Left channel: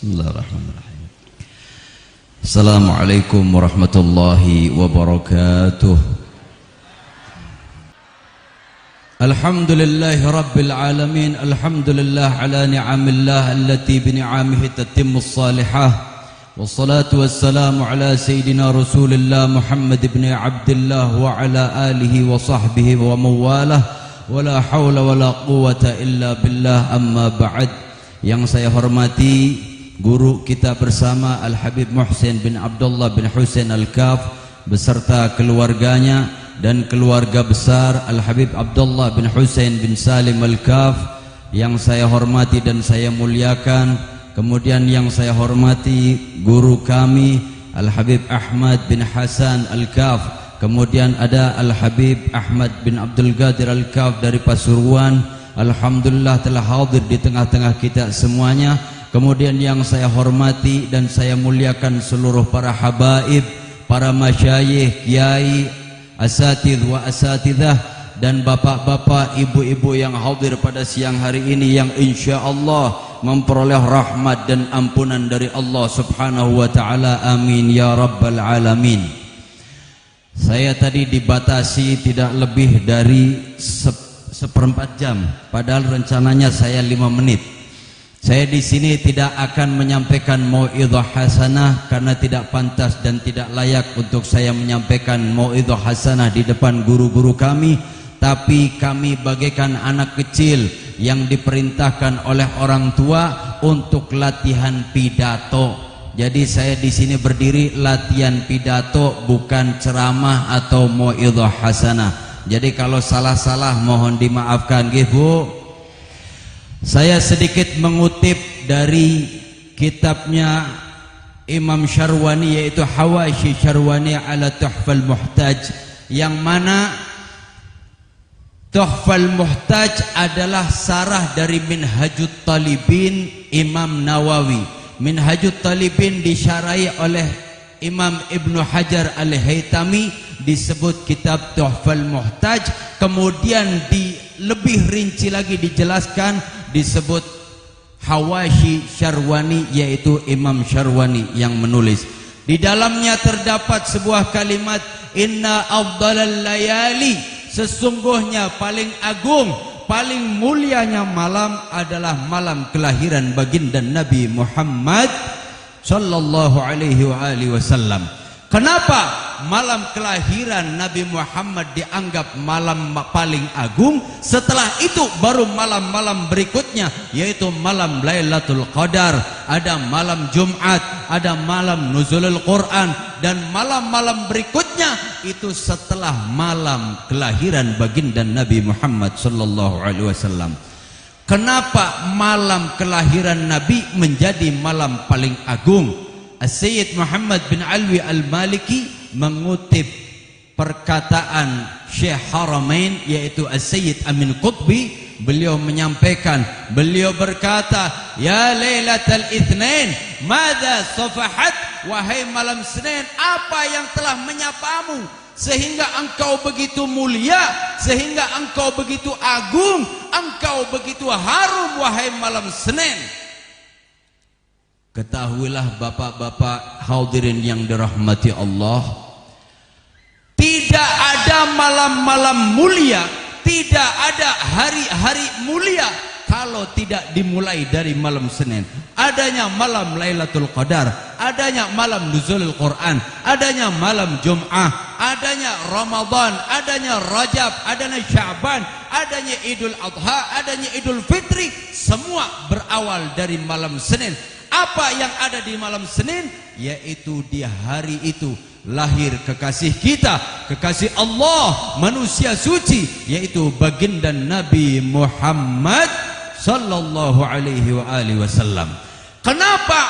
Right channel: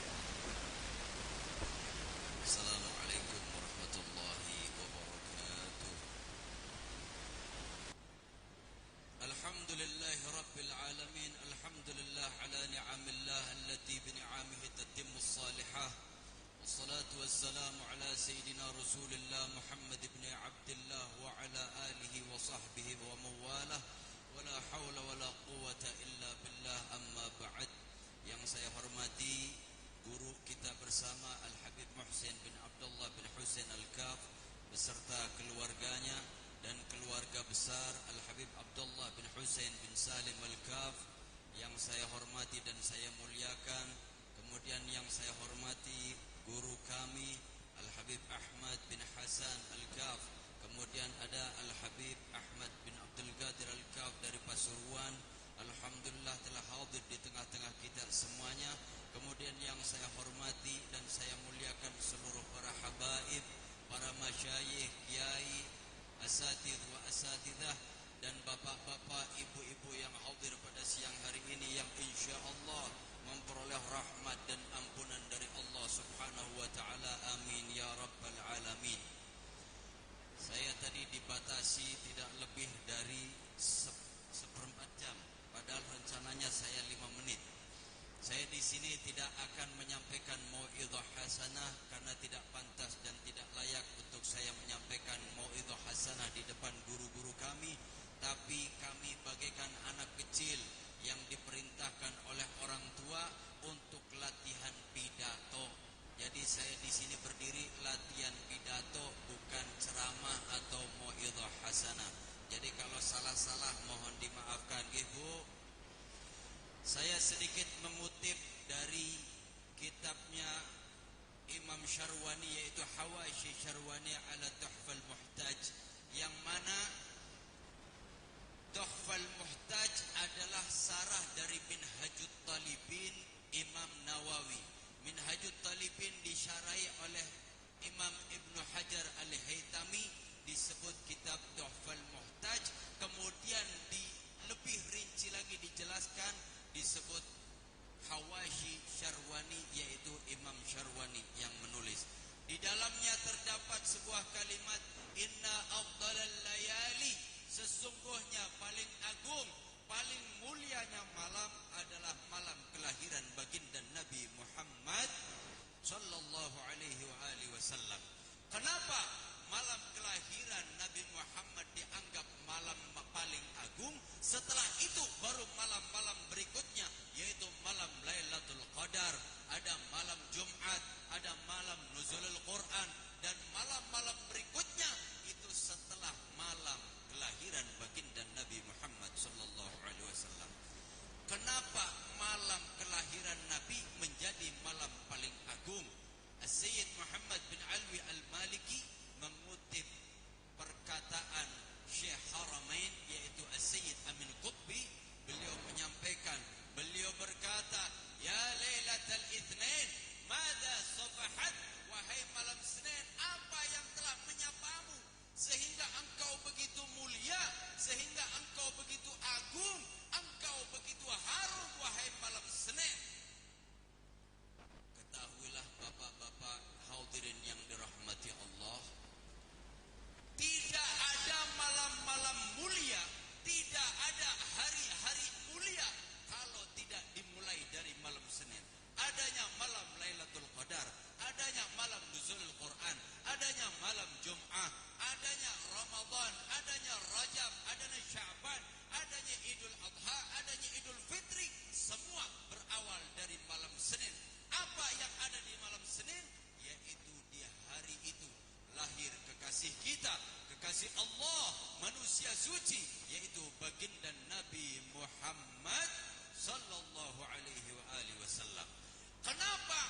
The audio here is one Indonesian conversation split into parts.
Bismillahirrahmanirrahim. Assalamualaikum warahmatullahi wabarakatuh. Alhamdulillahi rabbil alamin. Alhamdulillah ala ni'amillah allati bini'amihi tatimmus salihah. Wassalatu wassalamu ala sayyidina Rasulillah Muhammad ibn Abdullah wa ala alihi wa sahbihi wa mawalah. Wala hawla wala quwata illa billah, amma ba'd. Yang saya hormati guru kita bersama Al-Habib Muhsin bin Abdullah bin Husain Al-Kaf beserta keluarganya dan keluarga besar Al-Habib Abdullah bin Husain bin Salim Al-Kaf yang saya hormati dan saya muliakan. Kemudian yang saya hormati guru kami Al-Habib Ahmad bin Hasan Al-Kaf. Kemudian ada Al-Habib Ahmad bin Abdul Qadir Al-Kaf dari Pasuruan. Alhamdulillah telah hadir di tengah-tengah kita semuanya. Kemudian yang saya hormati dan saya muliakan seluruh para habaib, para masyayikh, kiai, asatidz wa asatidzah dan bapak-bapak, ibu-ibu yang hadir pada siang hari ini yang insyaallah memperoleh rahmat dan ampunan dari Allah Subhanahu wa taala. Amin ya rabbal alamin. Saya tadi dibatasi tidak lebih dari seperempat jam, padahal rencananya saya 5 menit. Saya di sini tidak akan menyampaikan mau'idhah hasanah karena tidak pantas dan tidak layak untuk saya menyampaikan mau'idhah hasanah di depan guru-guru kami. Tapi kami bagaikan anak kecil yang diperintahkan oleh orang tua untuk latihan pidato. Jadi saya di sini berdiri latihan pidato, bukan ceramah atau mau'idhah hasanah. Jadi kalau salah-salah mohon dimaafkan, Bu. Saya sedikit mengutip dari kitabnya Imam Syarwani, yaitu Hawashi Syarwani ala Tuhfal Muhtaj, yang mana Tuhfal Muhtaj adalah sarah dari Minhajut Talibin Imam Nawawi. Minhajut Talibin disyarahi oleh Imam Ibnu Hajar Al-Haytami, disebut kitab Tuhfal Muhtaj. Kemudian lebih rinci lagi dijelaskan, disebut Hawashi Syarwani, yaitu Imam Syarwani yang menulis. Di dalamnya terdapat sebuah kalimat, inna afdalal layali, sesungguhnya paling agung, paling mulianya malam adalah malam kelahiran baginda Nabi Muhammad sallallahu alaihi wa alihi wasallam. Kenapa malam kelahiran Nabi Muhammad dianggap malam paling agung? Setelah itu baru malam-malam berikutnya, yaitu malam Lailatul Qadar, ada malam Jumat, ada malam Nuzulul Quran, dan malam-malam berikutnya itu setelah malam kelahiran baginda Nabi Muhammad sallallahu alaihi wasallam. Kenapa malam kelahiran Nabi menjadi malam paling agung? As-Sayyid Muhammad bin Alwi Al-Maliki mengutip perkataan Syekh Haramain, yaitu As-Sayyid Amin Qutbi. Beliau menyampaikan, beliau berkata, ya Lailatul Itsnain, madza safahat, wahai malam Senin, apa yang telah menyapamu sehingga engkau begitu mulia, sehingga engkau begitu agung, engkau begitu harum, wahai malam Senin. Ketahuilah bapak-bapak hadirin yang dirahmati Allah, tidak ada malam-malam mulia, tidak ada hari-hari mulia kalau tidak dimulai dari malam Senin. Adanya malam Lailatul Qadar, adanya malam Nuzulul Quran, adanya malam Jum'ah, adanya Ramadan, adanya Rajab, adanya Sya'ban, adanya Idul Adha, adanya Idul Fitri, semua berawal dari malam Senin. Apa yang ada di malam Senin? Yaitu di hari itu lahir kekasih kita, kekasih Allah, manusia suci, yaitu baginda Nabi Muhammad sallallahu alaihi wa alihi wasallam. Kenapa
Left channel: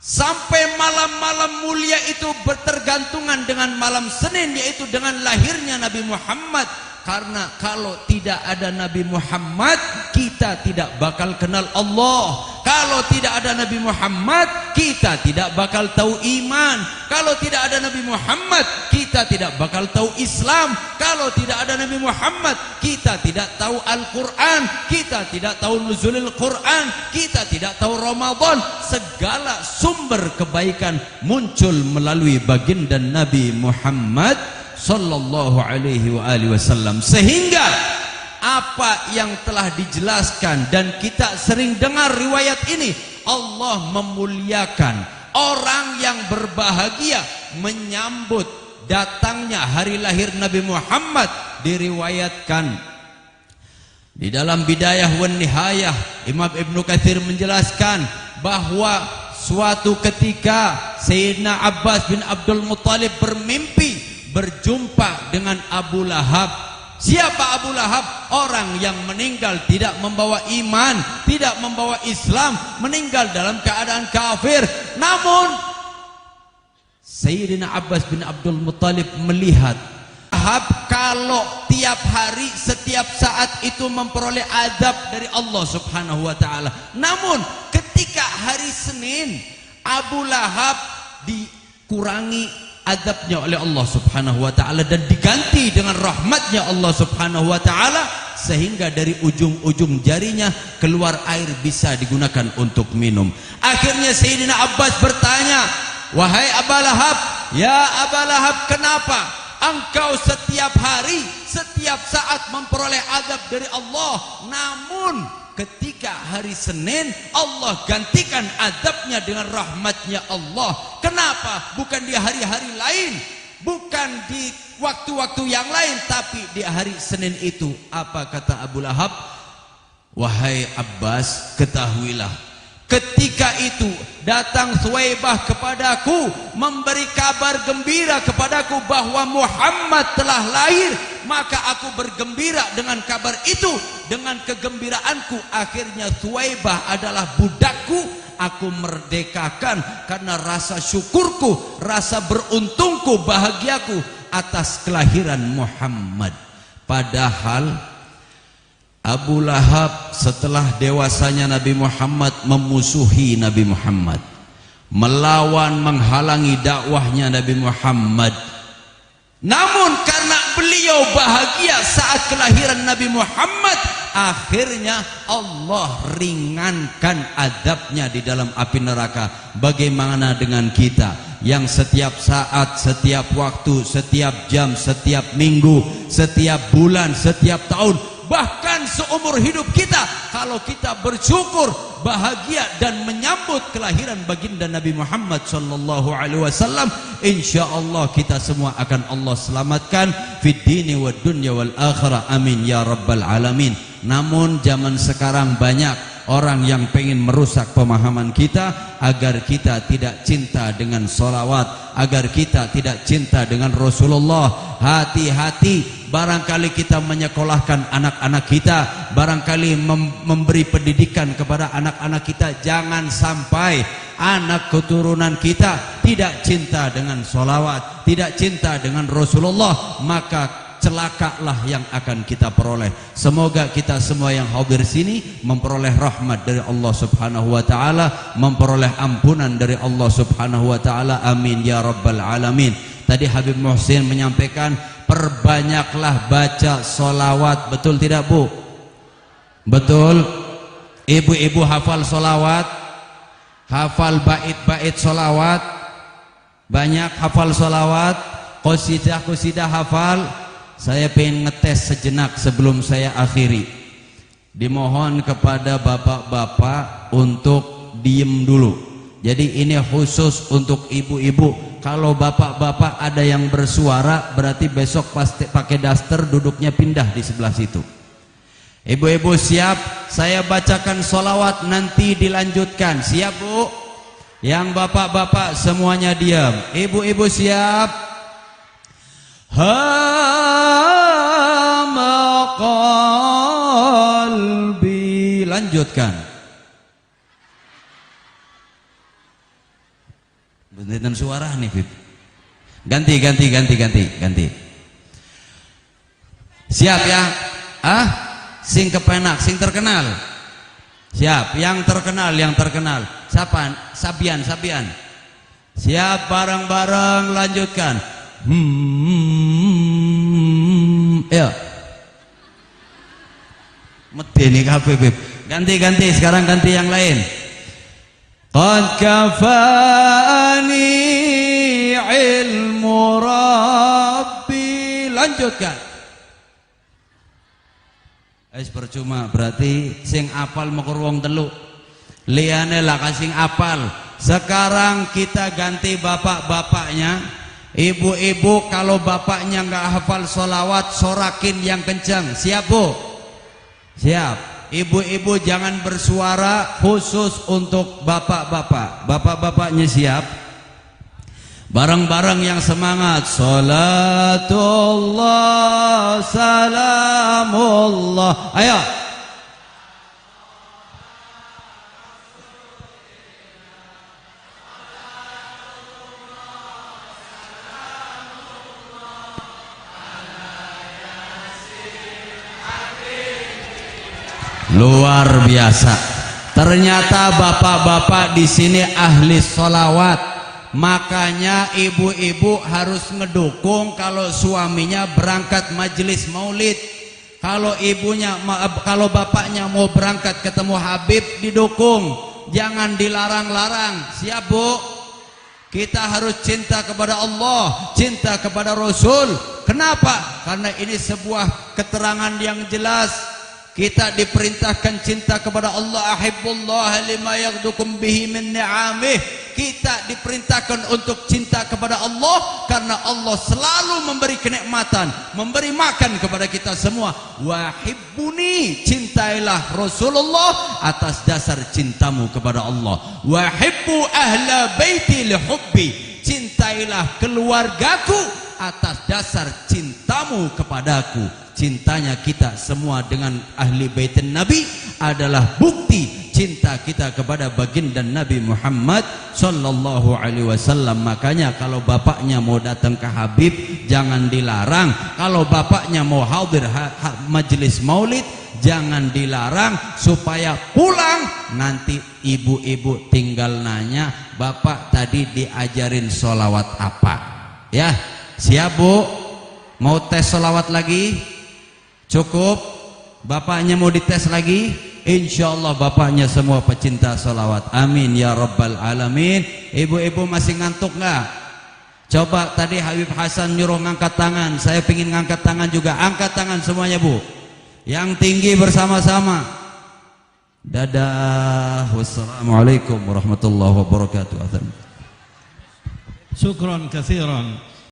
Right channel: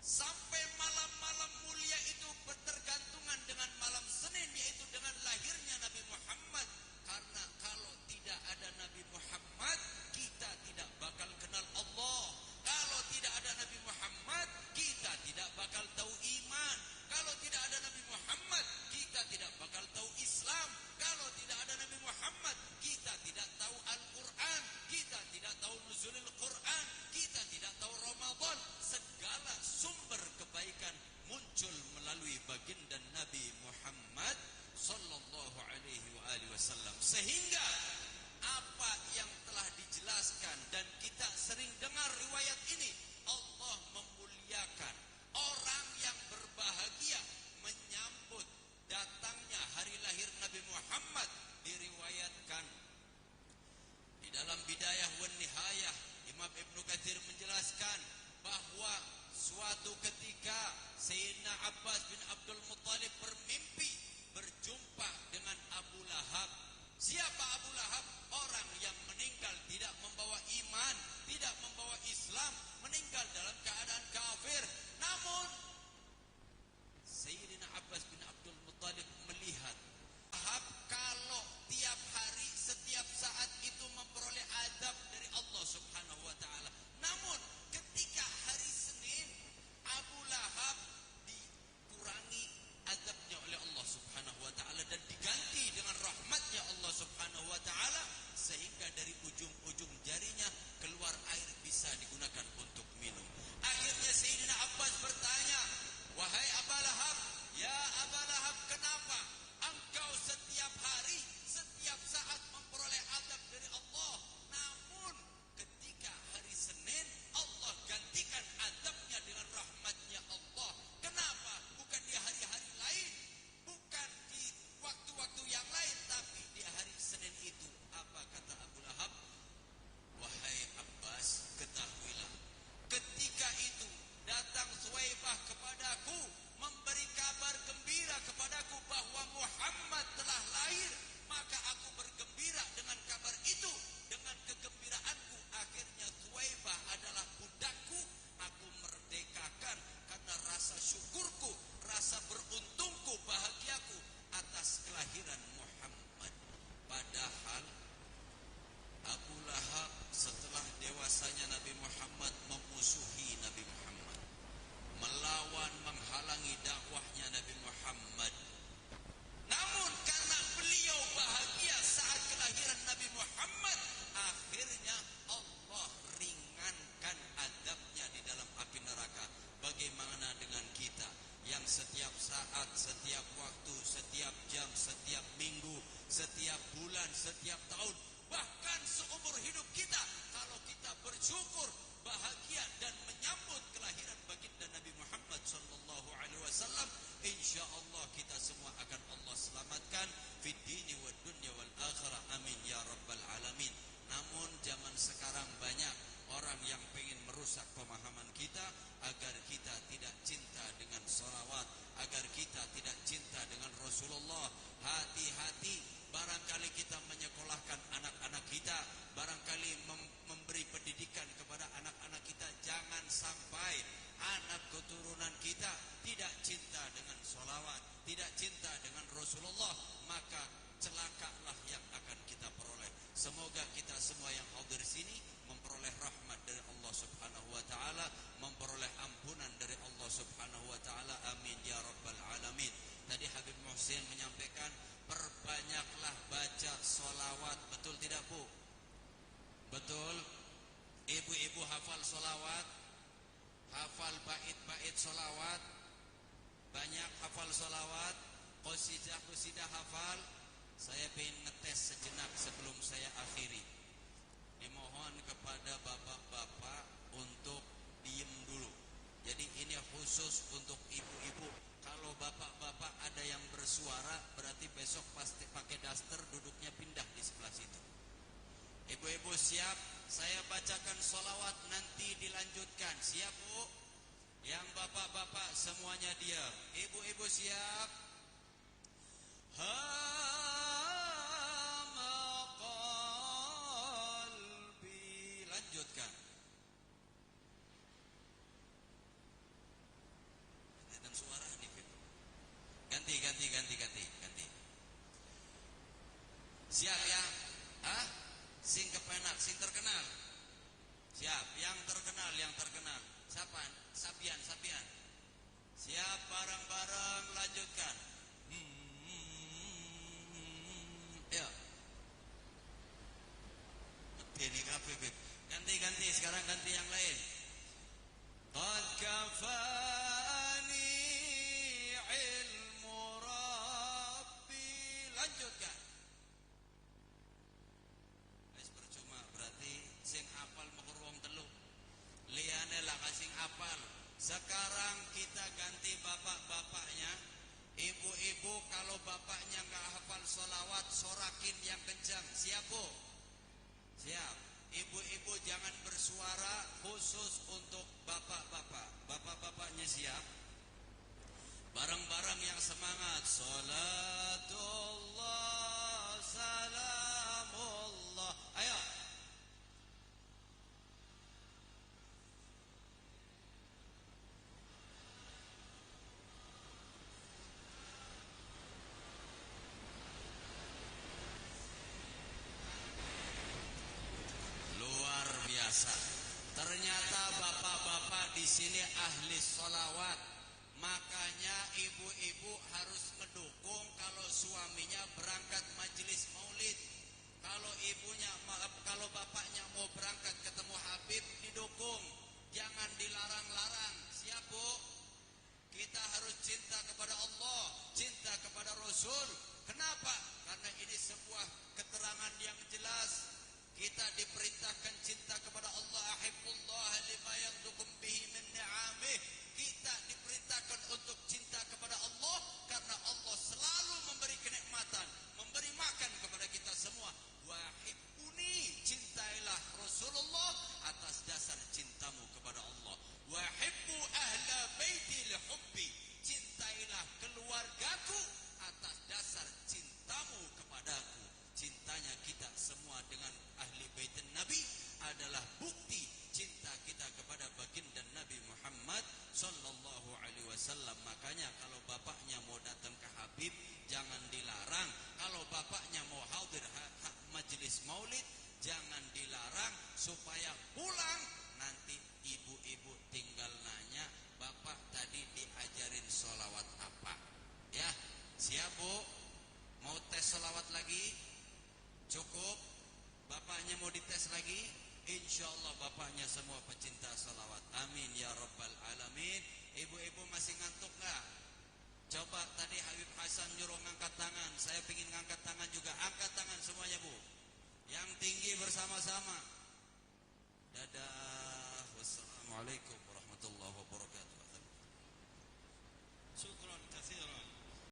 sampai malam-malam mulia itu bertergantungan dengan malam Senin, yaitu dengan lahirnya Nabi Muhammad? Karena kalau tidak ada Nabi Muhammad, kita tidak bakal kenal Allah. Kalau tidak ada Nabi Muhammad, kita tidak bakal tahu iman. Kalau tidak ada Nabi Muhammad, kita tidak bakal tahu Islam. Kalau tidak ada Nabi Muhammad, kita tidak tahu Al-Quran, kita tidak tahu nuzulil Quran, kita tidak tahu Ramadan. Segala sumber kebaikan muncul melalui baginda Nabi Muhammad sallallahu alaihi wasallam. Sehingga apa yang telah dijelaskan dan kita sering dengar riwayat ini, Allah memuliakan orang yang berbahagia menyambut datangnya hari lahir Nabi Muhammad. Diriwayatkan di dalam Bidayah wan Nihayah, Imam Ibnu Katsir menjelaskan bahwa suatu ketika Sayyidina Abbas bin Abdul Muttalib bermimpi berjumpa dengan Abu Lahab. Siapa Abu Lahab? Orang yang meninggal tidak membawa iman, tidak membawa Islam, meninggal dalam keadaan kafir. Namun Sayyidina Abbas bin Abdul Muttalib melihat Lahab kalau tiap hari, setiap saat itu memperoleh azab dari Allah Subhanahu wa taala. Namun ketika hari Senin, Abu Lahab dikurangi azabnya oleh Allah Subhanahu wa taala dan diganti dengan rahmatnya Allah Subhanahu wa taala, sehingga dari ujung-ujung jarinya keluar air bisa digunakan untuk minum. Akhirnya Sayyidina Abbas bertanya, "Wahai Abu Lahab, ya Abu Lahab, kenapa engkau setiap hari, setiap saat memperoleh azab dari Allah, namun ketika hari Senin Allah gantikan azabnya dengan rahmatnya Allah? Kenapa? Bukan di hari-hari lain, bukan di waktu-waktu yang lain, tapi di hari Senin itu." Apa kata Abu Lahab? "Wahai Abbas, ketahuilah, ketika itu datang Suwaibah kepadaku, memberi kabar gembira kepadaku bahwa Muhammad telah lahir, maka aku bergembira dengan kabar itu. Dengan kegembiraanku, akhirnya Suwaibah adalah budakku, aku merdekakan karena rasa syukurku, rasa beruntungku, bahagiaku atas kelahiran Muhammad." Padahal Abu Lahab setelah dewasanya Nabi Muhammad memusuhi Nabi Muhammad, melawan, menghalangi dakwahnya Nabi Muhammad. Namun karena beliau bahagia saat kelahiran Nabi Muhammad, akhirnya Allah ringankan azabnya di dalam api neraka. Bagaimana dengan kita yang setiap saat, setiap waktu, setiap jam, setiap minggu, setiap bulan, setiap tahun, bahkan seumur hidup kita, kalau kita bersyukur, bahagia dan menyambut kelahiran baginda Nabi Muhammad sallallahu alaihi wasallam, insyaallah kita semua akan Allah selamatkan fid dini wad dunya wal akhirah, amin ya rabbal alamin. Namun zaman sekarang banyak orang yang pengen merusak pemahaman kita agar kita tidak cinta dengan solawat, agar kita tidak cinta dengan Rasulullah. Hati-hati, barangkali kita menyekolahkan anak-anak kita, barangkali memberi pendidikan kepada anak-anak kita, jangan sampai anak keturunan kita tidak cinta dengan solawat, tidak cinta dengan Rasulullah, maka celakalah yang akan kita peroleh. Semoga kita semua yang hadir sini memperoleh rahmat dari Allah Subhanahu wa taala, memperoleh ampunan dari Allah Subhanahu wa taala, amin ya rabbal alamin. Tadi Habib Muhsin menyampaikan, perbanyaklah baca solawat, betul tidak Bu? Betul. Ibu-ibu hafal solawat, hafal bait-bait solawat, banyak hafal solawat, qasidah hafal. Saya pengen ngetes sejenak sebelum saya akhiri. Dimohon kepada bapak-bapak untuk diem dulu. Jadi ini khusus untuk ibu-ibu. Kalau bapak-bapak ada yang bersuara, berarti besok pasti pakai daster, duduknya pindah di sebelah situ. Ibu-ibu siap? Saya bacakan solawat, nanti dilanjutkan. Siap Bu? Yang bapak-bapak semuanya diam. Ibu-ibu siap? Hama qalbi. Lanjutkan. Bentukan suara nih Bib. Ganti. Siap ya? Sing kepenak, sing terkenal. Siap, yang terkenal, yang terkenal. Siapa? Sabian, Sabian. Siap, bareng-bareng lanjutkan. Ya. Medeni kabeh, Beb. Ganti-ganti, sekarang ganti yang lain. Qad kafani ilmu Rabbi. Lanjutkan. Percuma, berarti sing apal mekur wong telu. Liyane lah kasing apal. Sekarang kita ganti bapak-bapaknya. Ibu-ibu kalau bapaknya nggak hafal sholawat, sorakin yang kencang. Siap, Bu? Siap. Ibu-ibu jangan bersuara, khusus untuk bapak-bapak. Bapak-bapaknya siap. Bareng-bareng yang semangat. Salatullah, salamullah. Ayo. Luar biasa. Ternyata bapak-bapak di sini ahli sholawat. Makanya ibu-ibu harus ngedukung kalau suaminya berangkat majelis maulid. Kalau kalau bapaknya mau berangkat ketemu Habib, didukung. Jangan dilarang-larang. Siap, Bu? Kita harus cinta kepada Allah, cinta kepada Rasul. Kenapa? Karena ini sebuah keterangan yang jelas. Kita diperintahkan cinta kepada Allah. Ahibbullah lima yaghdukum bihi min ni'amih. Kita diperintahkan untuk cinta kepada Allah karena Allah selalu memberi kenikmatan, memberi makan kepada kita semua. Wahibbuni, cintailah Rasulullah atas dasar cintamu kepada Allah. Wahibbu ahla baiti lihubbi, cintailah keluargaku atas dasar cintamu kepadaku. Cintanya kita semua dengan ahli baitin Nabi adalah bukti cinta kita kepada baginda Nabi Muhammad sallallahu alaihi wasallam. Makanya kalau bapaknya mau datang ke Habib, jangan dilarang. Kalau bapaknya mau hadir majelis maulid, jangan dilarang, supaya pulang nanti ibu-ibu tinggal nanya, bapak tadi diajarin sholawat apa? Ya, siap, Bu? Mau tes sholawat lagi? Cukup? Bapaknya mau dites lagi? Insya Allah bapaknya semua pecinta sholawat. Amin ya rabbal alamin. Ibu-ibu masih ngantuk nggak? Coba tadi Habib Hasan nyuruh ngangkat tangan. Saya pingin ngangkat tangan juga. Angkat tangan semuanya, Bu. Yang tinggi bersama-sama. Dadah. Wassalamualaikum warahmatullahi wabarakatuh. Syukran katsiran.